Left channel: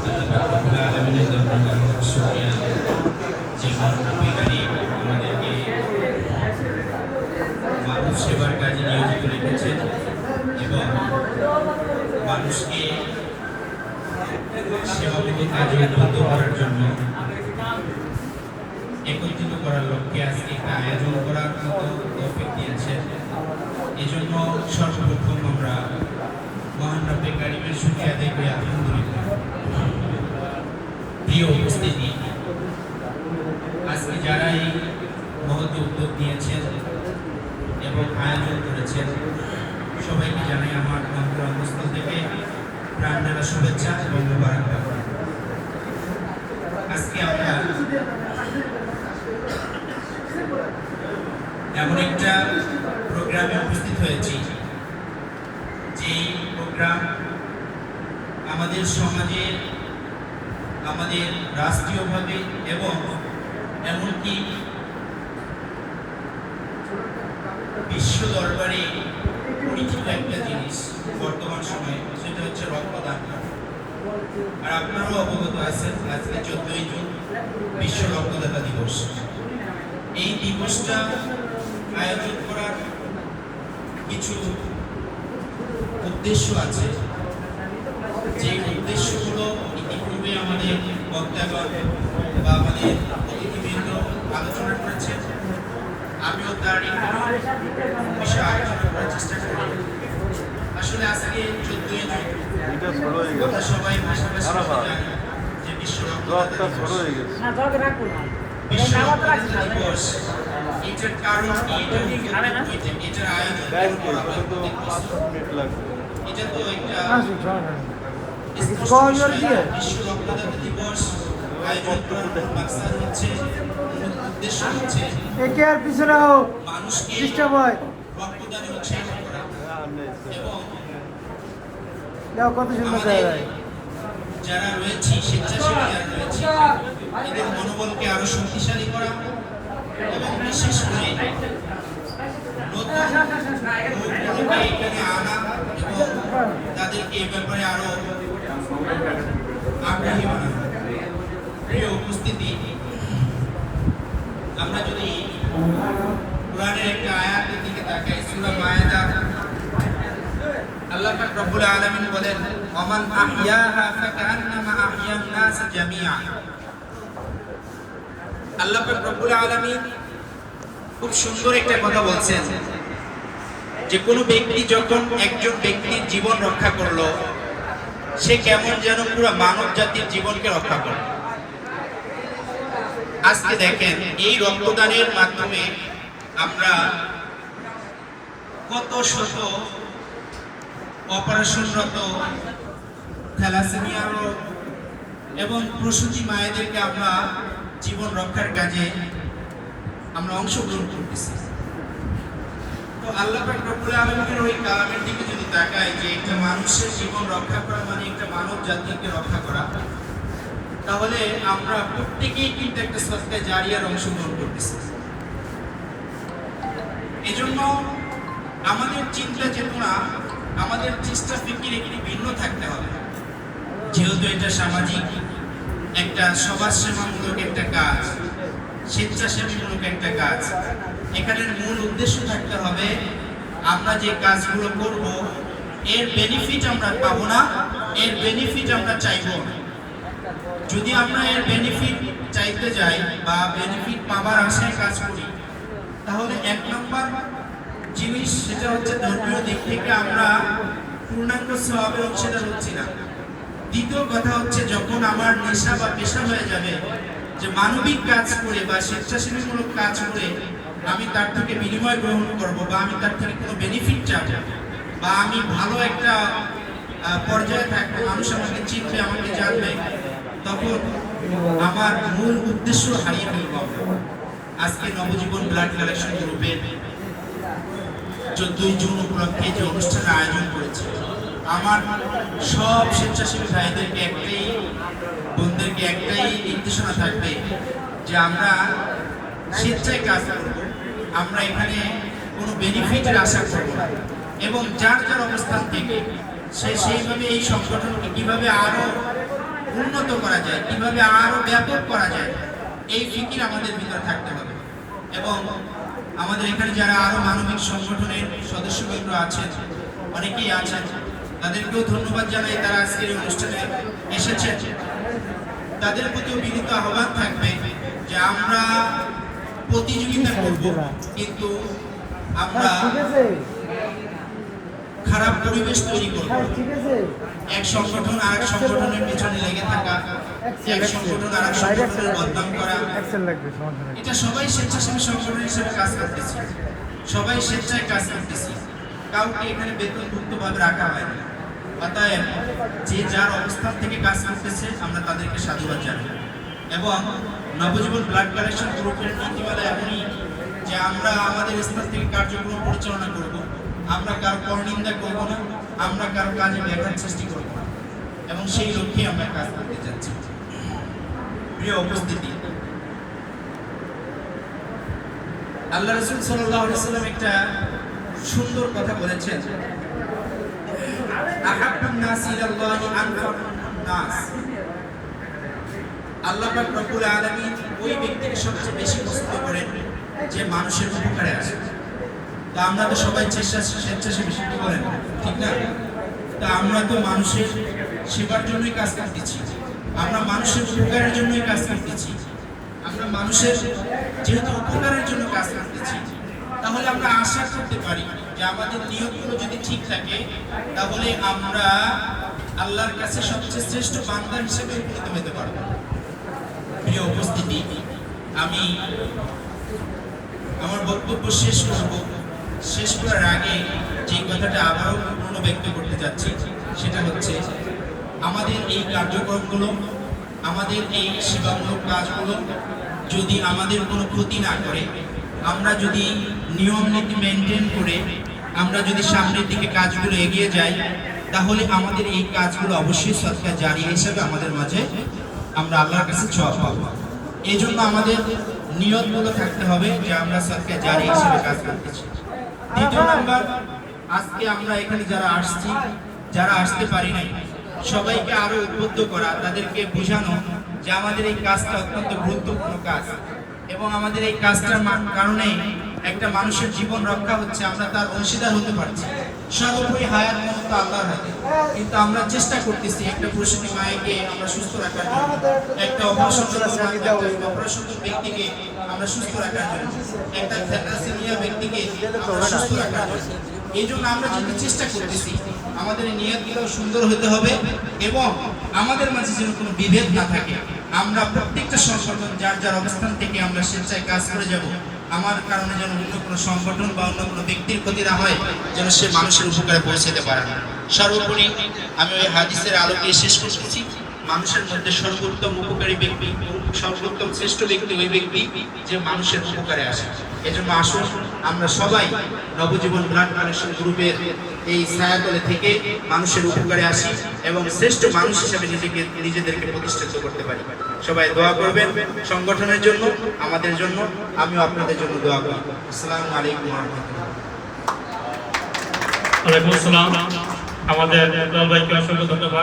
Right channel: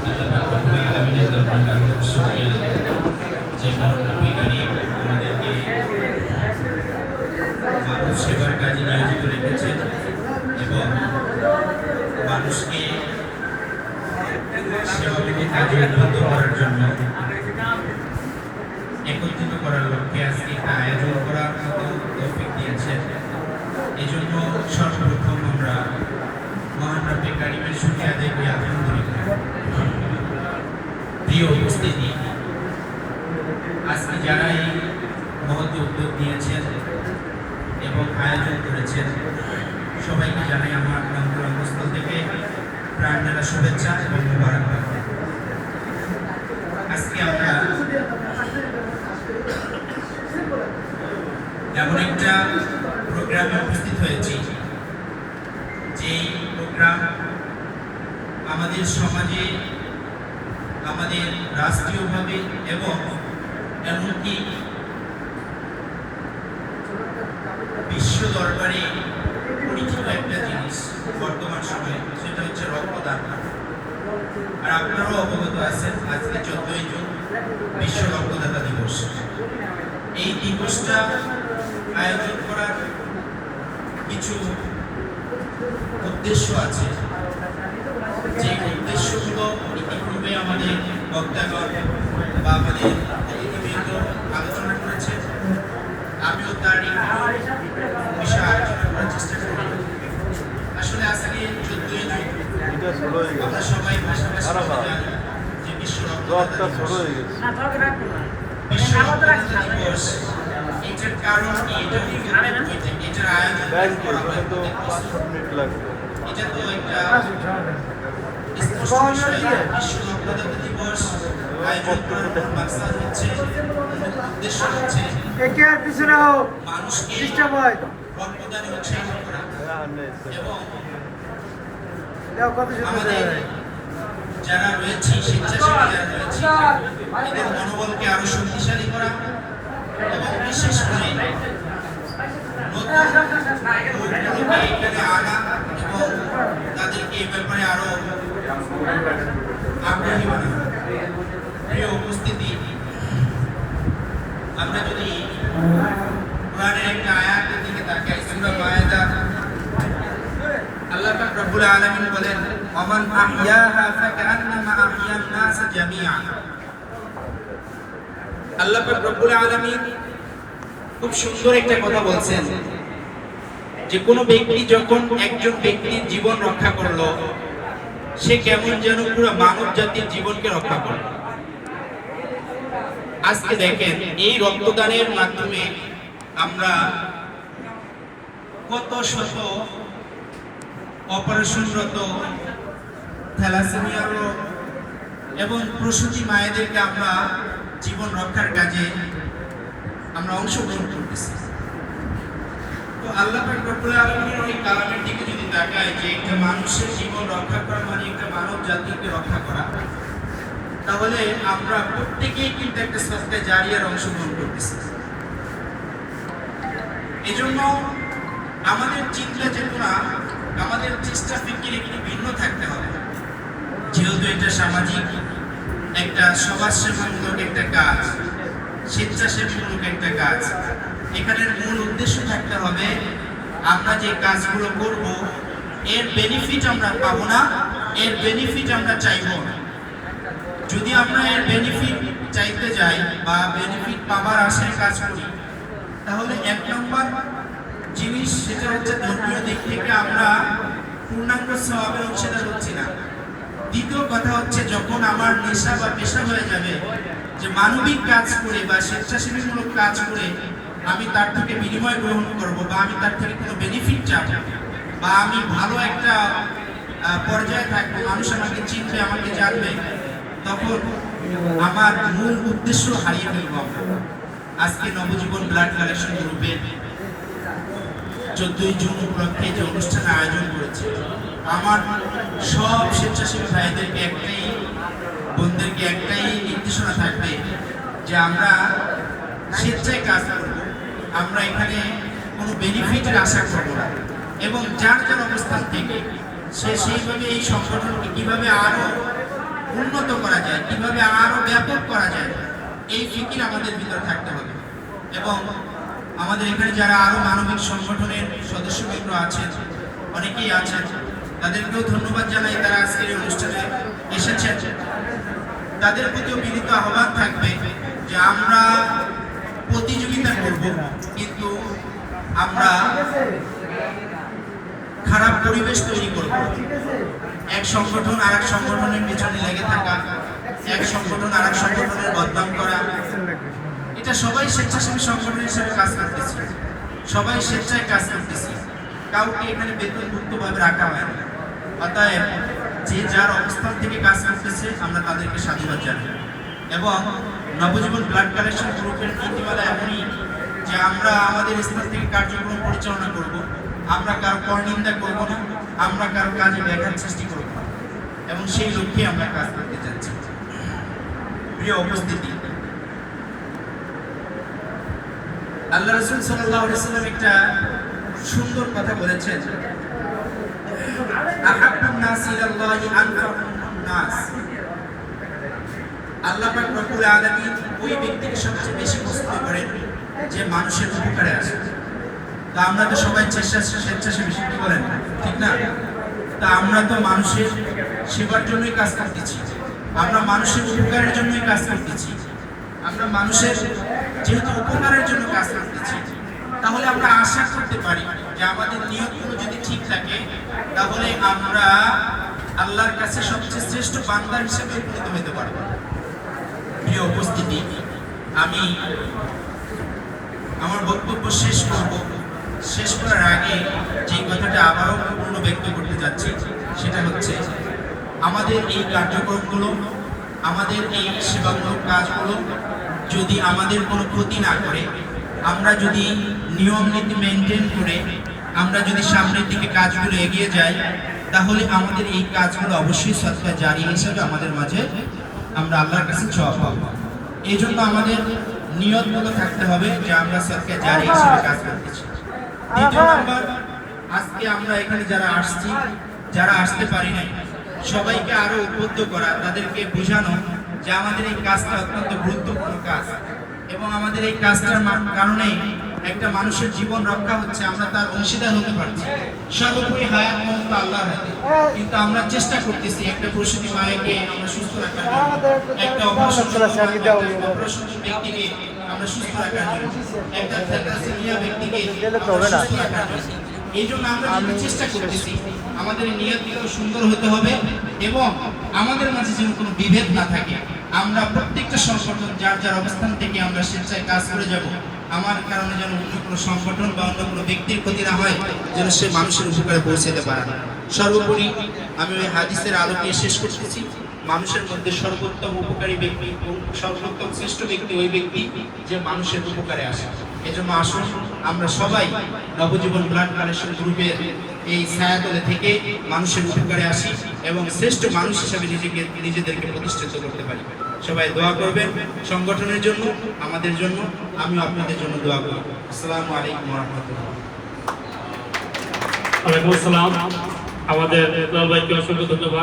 আল্লাহ রাব্বুল আলামিনের দরবারে শুকরিয়া যে নবী করিম আমাদেরকে মানুষ সেবার কাজে নিয়োজিত রেখেছেন এবং মানুষকে সেবামূলক কাজে উদ্বুদ্ধ করার জন্য একত্রিত করার লক্ষ্যে আজকে একটা আয়োজন করার মতো তৌফিক দিয়েছেন। এই জন্য সর্বপ্রথম আমরা মহান রব্বে কারিমের শুকরিয়া আদায় করি আলহামদুলিল্লাহ। প্রিয় উপস্থিতি, আজকে যারা এই মহৎ উদ্যোগ নিয়েছেন এবং আয়োজন করেছেন সবাইকে জানাই আমার অন্তঃস্থল থেকে প্রাণঢালা শুভেচ্ছা এবং মোবারকবাদ। আজকে আমরা এমন একটা প্রোগ্রামে উপস্থিত হয়েছি যেই প্রোগ্রাম আমাদের সমাজে, আমাদের রাষ্ট্রীয়ভাবে এবং এমনকি বিশ্ব দরবারে পরিচিত একটা জিনিস বর্তমান সময়ে, সেটা হচ্ছে রক্তদান। আর আপনারাও অবগত আছেন আজকে 14ই জুন বিশ্ব রক্তদাতা দিবস। এই দিবসটা আয়োজন করার কিছু উদ্দেশ্য আছে, যে উদ্দেশ্যগুলো ইতিপূর্বে আমাদের বক্তাগণ বা আমাদের অতিথিবৃন্দ আলোচনা করেছেন। আমিও তার বিষয়ে আলোচনা করার চেষ্টা করি। আসলে আজকে 14ই জুন আমরা সবাই পাশাপাশি জানি যে বিশ্ব রক্তদাতা দিবস। এটার কারণ কি, এটার আয়োজন এটা তো একটা স্পষ্ট বিষয়। বিশ্ব রক্তদাতা দিবস আয়োজন করার মাকসাদ হচ্ছে, উদ্দেশ্য হচ্ছে মানুষকে রক্তদানে উৎসাহিত করা এবং আমাদের যারা রয়েছে স্বেচ্ছাসেবী যারা রয়েছে এদের মনোবলকে আরো শক্তিশালী করা এবং বিশেষ করে নতুন লোকগুলোকে এখানে আনা এবং তাদেরকে এ ব্যাপারে আরো আগ্রহী বানানো। প্রিয় উপস্থিতি, আমরা যদি কোরআনের একটা আয়াতের দিকে তাকাই, সূরা মায়েদা, আল্লাহ পাক রব্বুল আলামিন বলেন, ওমান আহইয়াহা ফাকান্নামা আহইয়ান নাস জামিআ। আল্লাহ পাক রব্বুল আলামিন খুব সুন্দর একটা কথা বলছেন যে কোনো ব্যক্তি যখন একজন ব্যক্তির জীবন রক্ষা করলো, সে কেমন যেন পুরো মানব জাতির জীবনকে রক্ষা করলো। আজকে দেখেন এই রক্তদানের মাধ্যমে আমরা কত শত অপারেশনরত থ্যালাসেমিয়া রোগ এবং প্রসূতি মায়েদেরকে আমরা জীবন রক্ষার কাজে আমরা অংশগ্রহণ করতেছি। তো আল্লাহ পাক রব্বুল আলামিনের ওই কালামের দিকে যদি তাকাই যে একটা মানুষের জীবন রক্ষা করা মানে একটা মানব জাতিকে রক্ষা করা, তাহলে আমরা প্রত্যেকেই কিন্তু একটা সদকা জারিয়ার অংশগ্রহণ করতেছি। এজন্য আমাদের চিন্তা চেতনা, আমাদের চেষ্টা ফিকির একটু ভিন্ন থাকতে হবে। যেহেতু এটা সামাজিক একটা সমাজসেবামূলক একটা কাজ, স্বেচ্ছাসেবীমূলক একটা কাজ, এখানের মূল উদ্দেশ্য থাকতে হবে আমরা যে কাজগুলো করব এর বেনিফিট আমরা পাবো না, এর বেনিফিট আমরা চাইবো না। যদি আমরা এর বেনিফিট চাইতে যাই বা বেনিফিট পাবার আশায় কাজ করি, তাহলে এক নম্বর জিনিস সেটা হচ্ছে ধর্মীয় দিক থেকে আমরা পূর্ণাঙ্গ সওয়াবের অংশীদার হচ্ছি না। দ্বিতীয় কথা হচ্ছে যখন আমার নেশা বা পেশা হয়ে যাবে যে মানবিক কাজ করে বা স্বেচ্ছাসেবীমূলক কাজ করে আমি তার থেকে বিনিময় গ্রহণ করব বা আমি তার থেকে কোনো বেনিফিট চাবো বা আমি ভালো একটা পর্যায়ে থাকবো, মানুষ আমাকে চিনবে, আমাকে জানবে, তখন আমার মূল উদ্দেশ্য হারিয়ে ফেলবো আমরা। আজকে নবজীবন ব্লাড কালেকশন গ্রুপের 14ই জুন উপলক্ষে যে অনুষ্ঠানের আয়োজন করেছে, আমার সব স্বেচ্ছাসেবী ভাইদেরকে একটাই, বোনদেরকে একটাই নির্দেশনা থাকবে যে আমরা স্বেচ্ছায় কাজ করব, আমরা এখানে কোনো বেনিফিটের আশা করব না এবং যার যার অবস্থান থেকে সে সেইভাবে এই সংগঠনকে কীভাবে আরও উন্নত করা যায়, কিভাবে আরো ব্যাপক করা যায়, এই ফিকির আমাদের ভিতরে থাকতে হবে। এবং আমাদের এখানে যারা আরো মানবিক সংগঠনের সদস্যবৃন্দ আছেন, অনেকেই আছেন, তাদেরকেও ধন্যবাদ জানাই, তারা আজকের এই অনুষ্ঠানে এসেছেন। তাদের প্রতিও বিনীত আহ্বান থাকবে যে আমরা প্রতিযোগিতা করব, কিন্তু আমরা খারাপ পরিবেশ তৈরি করব। এক সংগঠন আর এক সংগঠনের পেছনে লেগে থাকা, এক সংগঠন আর এক সংগঠনের বদনাম করা, এটা সবাই স্বেচ্ছাসেবী সংগঠন হিসেবে কাজ করতেছি, সবাই স্বেচ্ছায় কাজ করতেছি, কাউকে এখানে বেতনভুক্তভাবে রাখা হয় না। অতএব যে যার অবস্থান থেকে কাজ করতেছে আমরা তাদেরকে সাধুবাদ জানাই। এবং নবজীবন ব্লাড কালেকশন গ্রুপের নীতিমালা এমনই যে আমরা আমাদের স্থান থেকে কার্যক্রম পরিচালনা করব, আমরা কারো পরনিন্দা করব না, আমরা কারো কাজে ব্যাঘাত সৃষ্টি করব না, এবং সেই লক্ষ্যে আমরা কাজ করতে যাচ্ছি। প্রিয় উপস্থিতি, আল্লাহ রাসূল সাল্লাল্লাহু আলাইহি ওয়াসাল্লাম একটা সুন্দর কথা বলেছেন, আহাব্বুন নাস ইলাল্লাহি আনফাকুন নাস। আল্লাহ পাক রব্বুল আলামিন ওই ব্যক্তিকে সবচেয়ে বেশি পছন্দ করেন যে মানুষের উপকারে আসে। তা আমরা তো সবাই স্বেচ্ছাসেবী করেন, ঠিক না? তা আমরা তো মানুষের সেবার জন্যই কাজ করতেছি, আমরা মানুষের উপকারের জন্যই কাজ করতেছি, আমরা মানুষের যেহেতু উপকারের জন্য কাজ করতেছি, তাহলে আমরা আশা করতে পারি যে আমাদের নিয়তগুলো যদি ঠিক থাকে তাহলে আমরা আল্লাহর কাছে সবচেয়ে শ্রেষ্ঠ বান্দা হিসেবে উপনীত হতে পারব। প্রিয় উপস্থিতি, আমি আমার বক্তব্য শেষ করব। শেষ করার আগে যে কথাটা আবারও পূর্ণ ব্যক্ত করতে যাচ্ছি সেটা হচ্ছে, আমাদের এই কার্যক্রমগুলো, আমাদের এই সেবামূলক কাজগুলো যদি আমাদের কোনো ক্ষতি না করে, আমরা যদি নিয়ম নীতি মেনটেন করে আমরা যদি সামনের দিকে কাজগুলো এগিয়ে যাই, তাহলে আমাদের এই কাজগুলো অবশ্যই সদকা জারিয়া হিসেবে আমাদের মাঝে আমরা আল্লাহর কাছে সওয়াব পাবো। এই জন্য আমাদের নিয়তগুলো থাকতে হবে যে আমরা সদকা জারিয়া হিসেবে কাজ করতেছি। দ্বিতীয় নাম্বার, আজকে আমরা এখানে যারা আসছি, যারা আসতে পারি নাই, সবাইকে আরো উদ্বুদ্ধ করা, তাদেরকে বোঝানো যে আমাদের এই কাজটা অত্যন্ত গুরুত্বপূর্ণ কাজ, এবং আমাদের এই কাজটার কারণে একটা মানুষের জীবন রক্ষা হচ্ছে, আমরা তার অংশীদার হতে পারছি। সর্বোপরি হায়াত মত আল্লাহর হাতে, কিন্তু আমরা চেষ্টা করতেছি একটা প্রসূতি মায়েকে আমরা সুস্থ রাখার জন্য, একটা অপারেশন ব্যক্তিকে আমরা সুস্থ রাখার জন্য, একটা থ্যালাসেমিয়া ব্যক্তিকে সুস্থ রাখার জন্য। এই জন্য আমরা যেটা চেষ্টা করতেছি, আমাদের নিয়তটাও সুন্দর হতে হবে এবং আমাদের মাঝে যেন কোনো বিভেদ না থাকে। আমরা প্রত্যেকটা সংগঠন যার যার অবস্থান থেকে আমরা স্বেচ্ছায় কাজ করে যাব, আমার কারণে যেন অন্য কোনো সংগঠন বা অন্য কোনো ব্যক্তির ক্ষতি না হয়, যেন সে মানুষের উপকারে পৌঁছাতে পারে। সর্বোপরি আমি ওই হাদিসের আলোকে শেষ করতেছি, মানুষের মধ্যে সর্বোত্তম উপকারী ব্যক্তি, সর্বোত্তম শ্রেষ্ঠ ব্যক্তি ওই ব্যক্তি যে মানুষের উপকারে আসে। এজন্য আসুন আমরা সবাই নবজীবন ব্লাড কালেকশন গ্রুপের এই ছায়াতলে থেকে মানুষের উপকারে আসি এবং শ্রেষ্ঠ মানুষ হিসেবে নিজেদেরকে প্রতিষ্ঠিত করতে পারি। সবাই দোয়া করবেন সংগঠনের জন্য, আমাদের জন্য, আমিও আপনাদের জন্য দোয়া করব। আসসালামু আলাইকুম ওয়া রাহমাতুল্লাহ। ওয়ালাইকুম আসসালাম। আমাদের ভাইকে অসংখ্য ধন্যবাদ।